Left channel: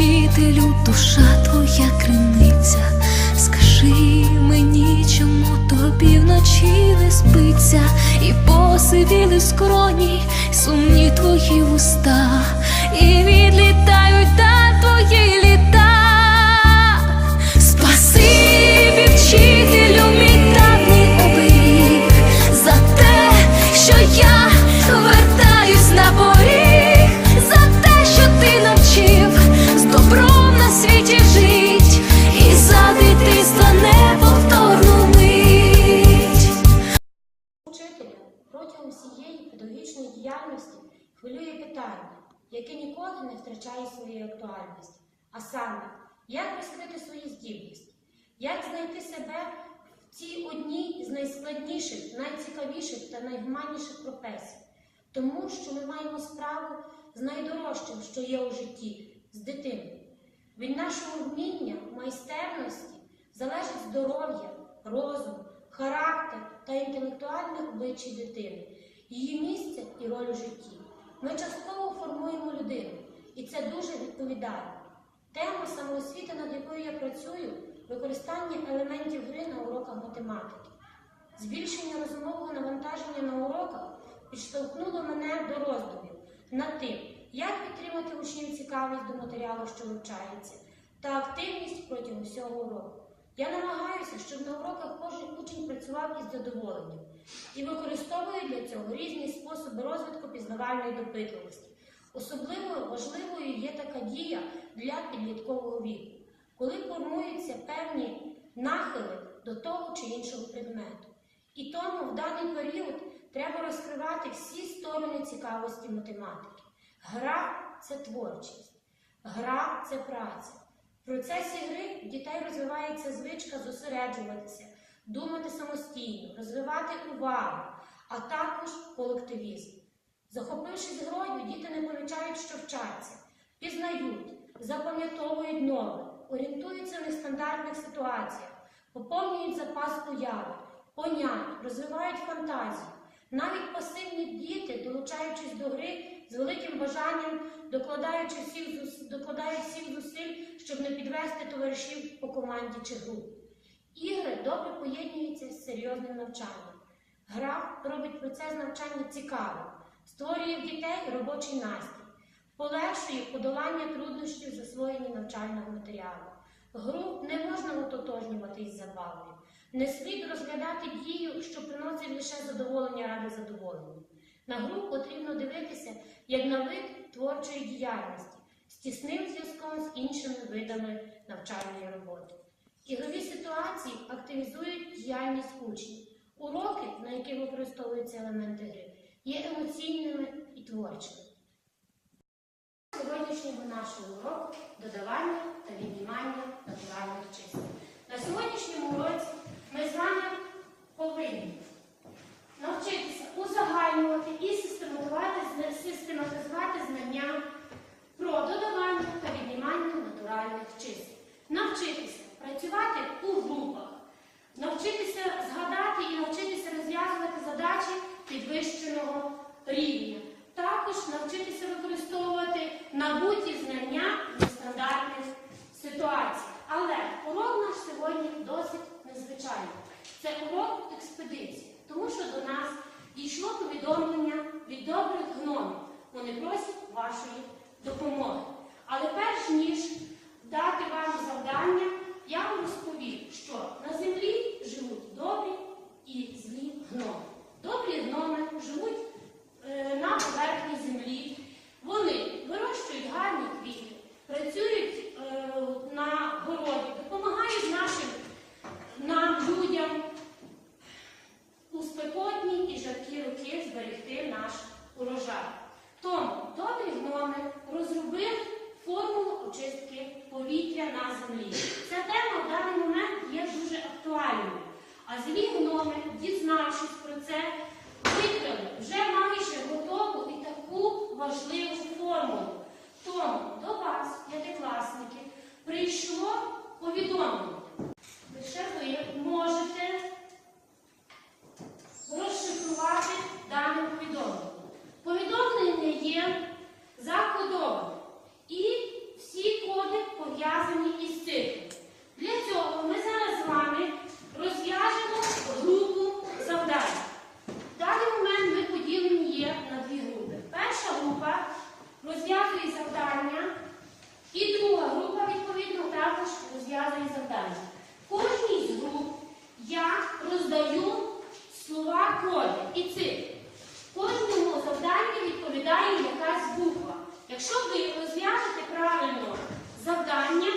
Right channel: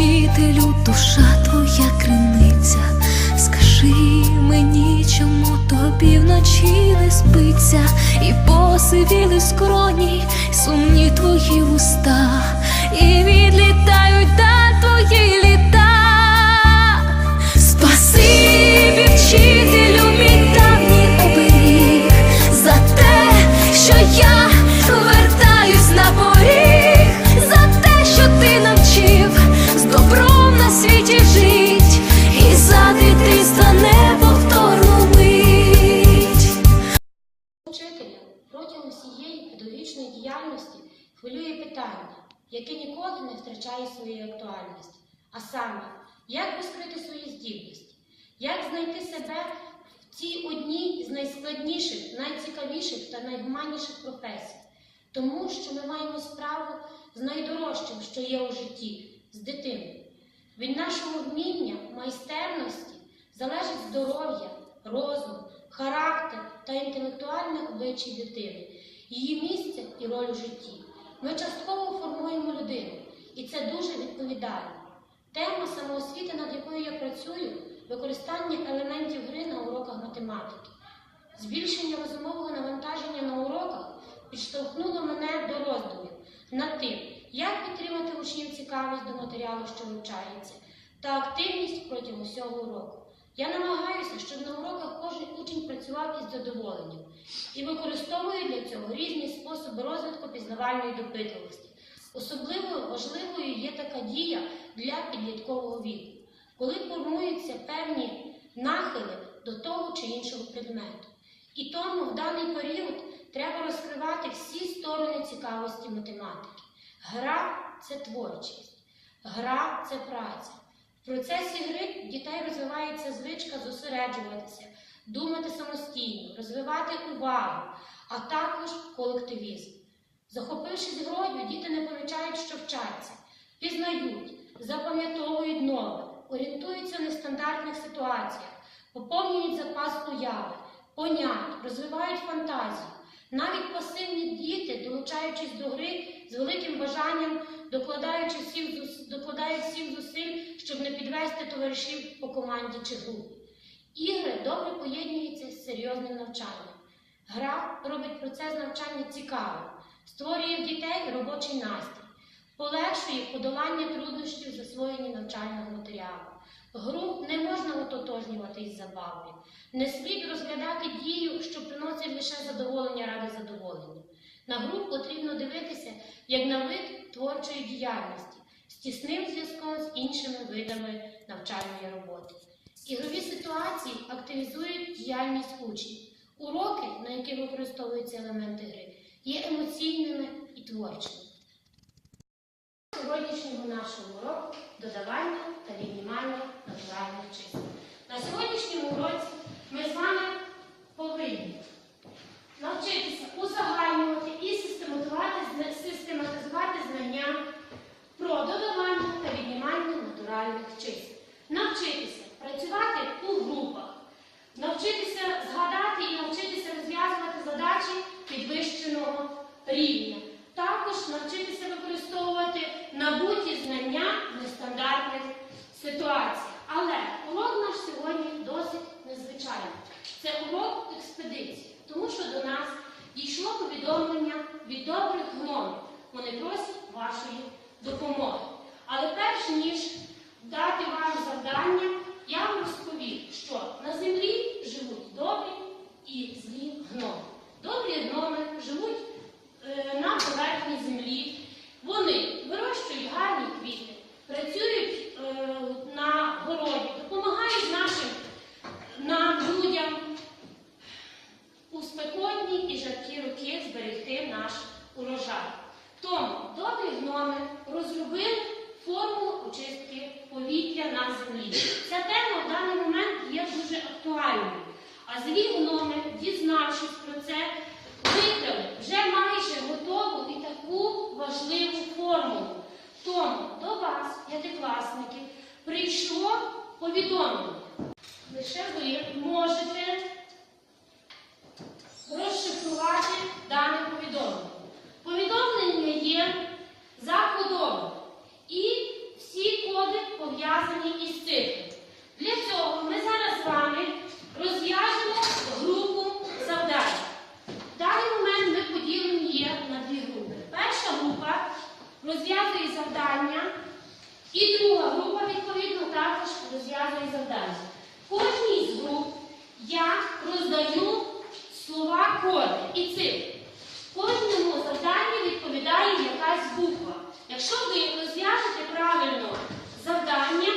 вчителю, душа твоя криниця. Скажи мені, чому тобі вночі не спиться, і посивіли скроні, сумні твої уста, і відлітають а саме, як розкрити свої здібності, як знайти себе в цій одній з найскладніших, найцікавіших та найгуманніших професій, тому що ми маємо справу з найдорожчим, що є у житті, з дитиною. Від нашого вміння, майстерності залежить здоров'я, розум, характер та інтелектуальне обличчя дитини, її місце і роль у житті. Ми частково формуємо людину, і це дуже відповідально. Тема самоосвіти, над якою я працюю, використання елементів гри на уроках математики. Збільшення розумового навантаження на уроках підштовхнуло мене до роздумів над тим, як підтримати учнів цікавість до матеріалу, що вивчається, та активність протягом всього уроку. Я намагаюся, щоб на уроках кожен учень працював із задоволенням і використовую для цього різні способи розвитку пізнавальної допитливості. Особливо важливою є така дія для підліткового віку, коли формуються певні нахили до того чи іншого предмету. І тому в даний період треба розкривати всі сторони цікавості математики. Гра це творчість, гра це праця. В процесі гри дітей розвивається звичка зосереджуватися, думати самостійно, розвивати увагу, а також колективізм. Захопившись грою, діти не помічають, що вчаться, пізнають, запам'ятовують нове, орієнтуються в нестандартних ситуаціях, поповнюють запас уяви, понять, розвивають фантазію. Навіть пасивні діти, долучаючись до гри з великим бажанням, докладають всіх зусиль, щоб не підвести товаришів по команді чи групі. Ігри добре поєднуються з серйозним навчанням. Гра робить процес навчання цікавим, створює в дітей робочий настрій, полегшує подолання труднощів в засвоєнні навчального матеріалу. Гру не можна ототожнювати із забавою. Не слід розглядати дію, що приносить лише задоволення ради задоволення. На гру потрібно дивитися як на вид творчої діяльності з тісним зв'язком з іншими видами навчальної роботи. Ігрові ситуації активізують діяльність учнів. Уроки, на яких використовуються елементи гри, є емоційними і творчими. Сьогоднішнього нашого уроку додавання та віднімання натуральних чисел. На сьогоднішньому уроці ми з вами повинні навчитися узагальнювати і систематизувати, знання про додавання та віднімання натуральних чисел. Навчитися працювати у групах, навчитися згадати і навчитися розв'язувати задачі підвищеного рівня. Також навчитися використовувати набуті знання в стандартних ситуаціях. Але урок наш сьогодні досить незвичайний. Це урок експедиції, тому що до нас дійшло повідомлення від добрих гномів. Вони просять вашої допомоги. Але перш ніж дати вам завдання, я вам розповім, що на землі живуть добрі і злі гноми. Добрі гноми живуть е, на поверхні землі. Вони вирощують гарні квіти, працюють е, на городі, допомагають нашим людям у спекотні і жаркі роки зберегти наш урожай. Тому добрі гноми розробили формулу очистки повітря на землі. Ця тема в даний момент є дуже актуальною. А злі номер дізнавшись про це, викрали вже майже готову і таку важливу формулу. Тому до вас, п'ятикласники, прийшло повідомлення. Лише ви можете розшифрувати дане повідомлення. Повідомлення є закодове і всі коди пов'язані із цифрами. Для цього ми зараз з вами. Розв'яжемо групу завдань. В даний момент ми поділені є на дві групи. Перша група розв'язує завдання, і друга група, відповідно, також розв'язує завдання. Кожній з груп я роздаю слова коди і цифри. Кожному завданню відповідає якась буква. Якщо ви розв'яжете правильно завдання,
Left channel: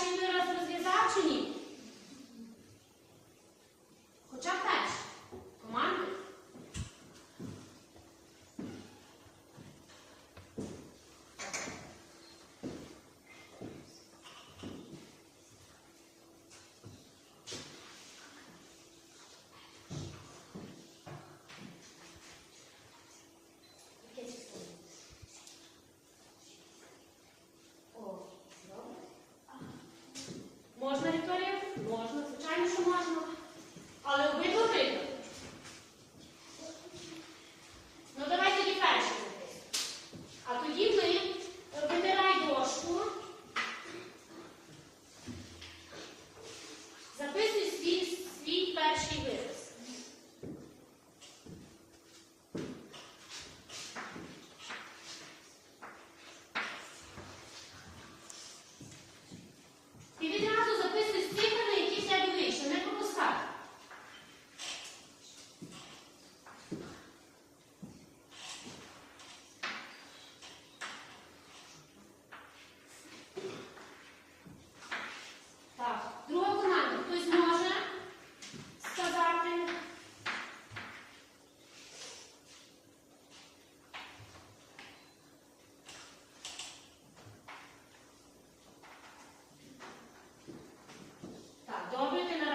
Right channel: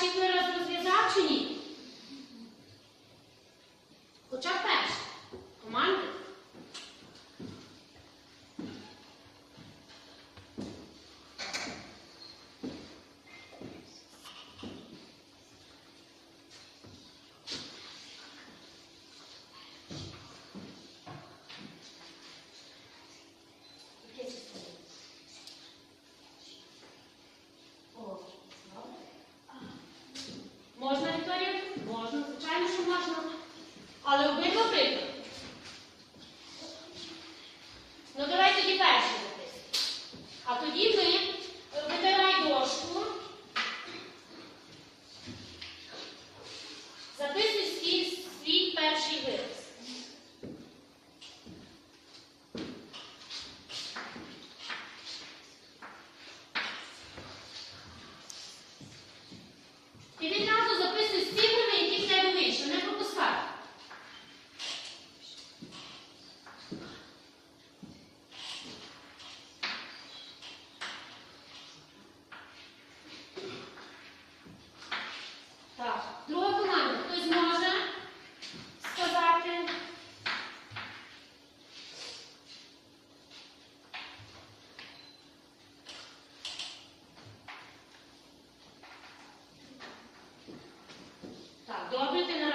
się wyrost rozwiązała. Добре ти на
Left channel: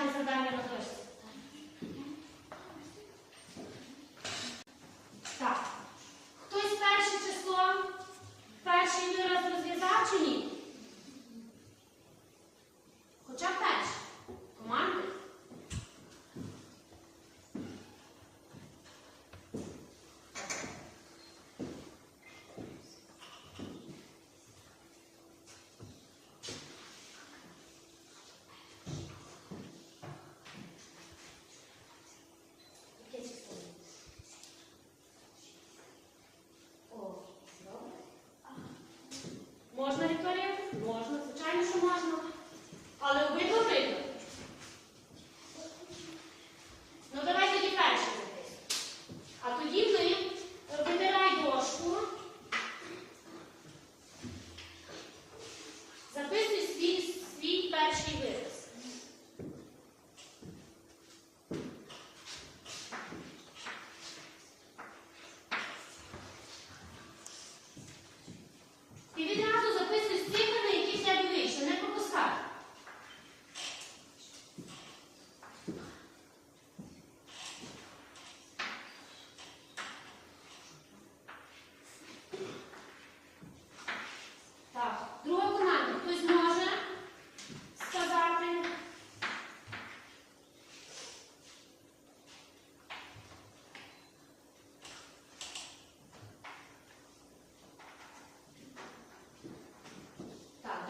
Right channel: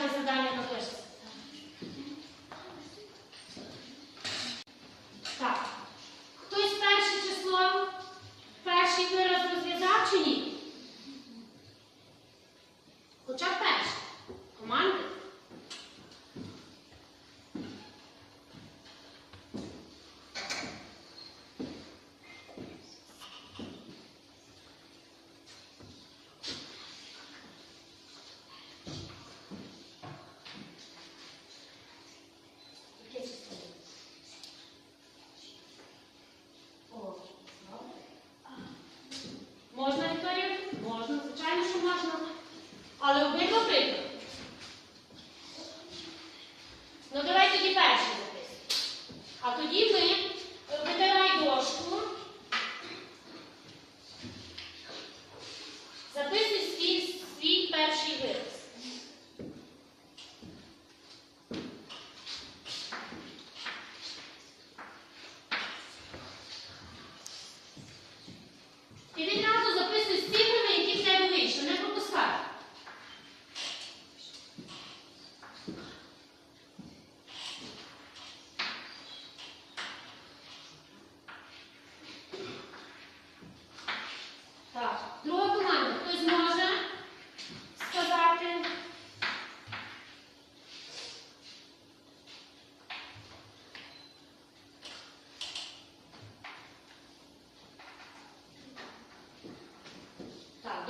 这是咱的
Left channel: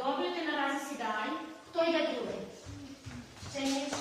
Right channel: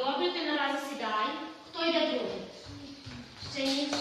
добрите на разсідай, хто йде да другим. Ще ніхто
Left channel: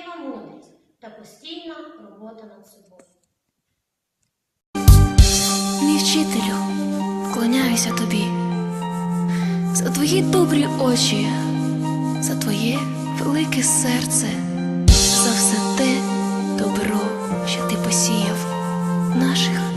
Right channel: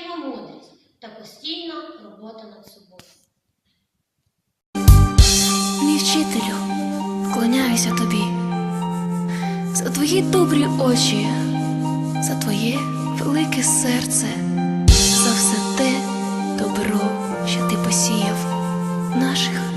життєва мудрість та постійна робота над собою. Мій вчителю, вклоняюся тобі, за твої добрі очі, за твоє велике серце, за все те добро, що ти посіяв наших.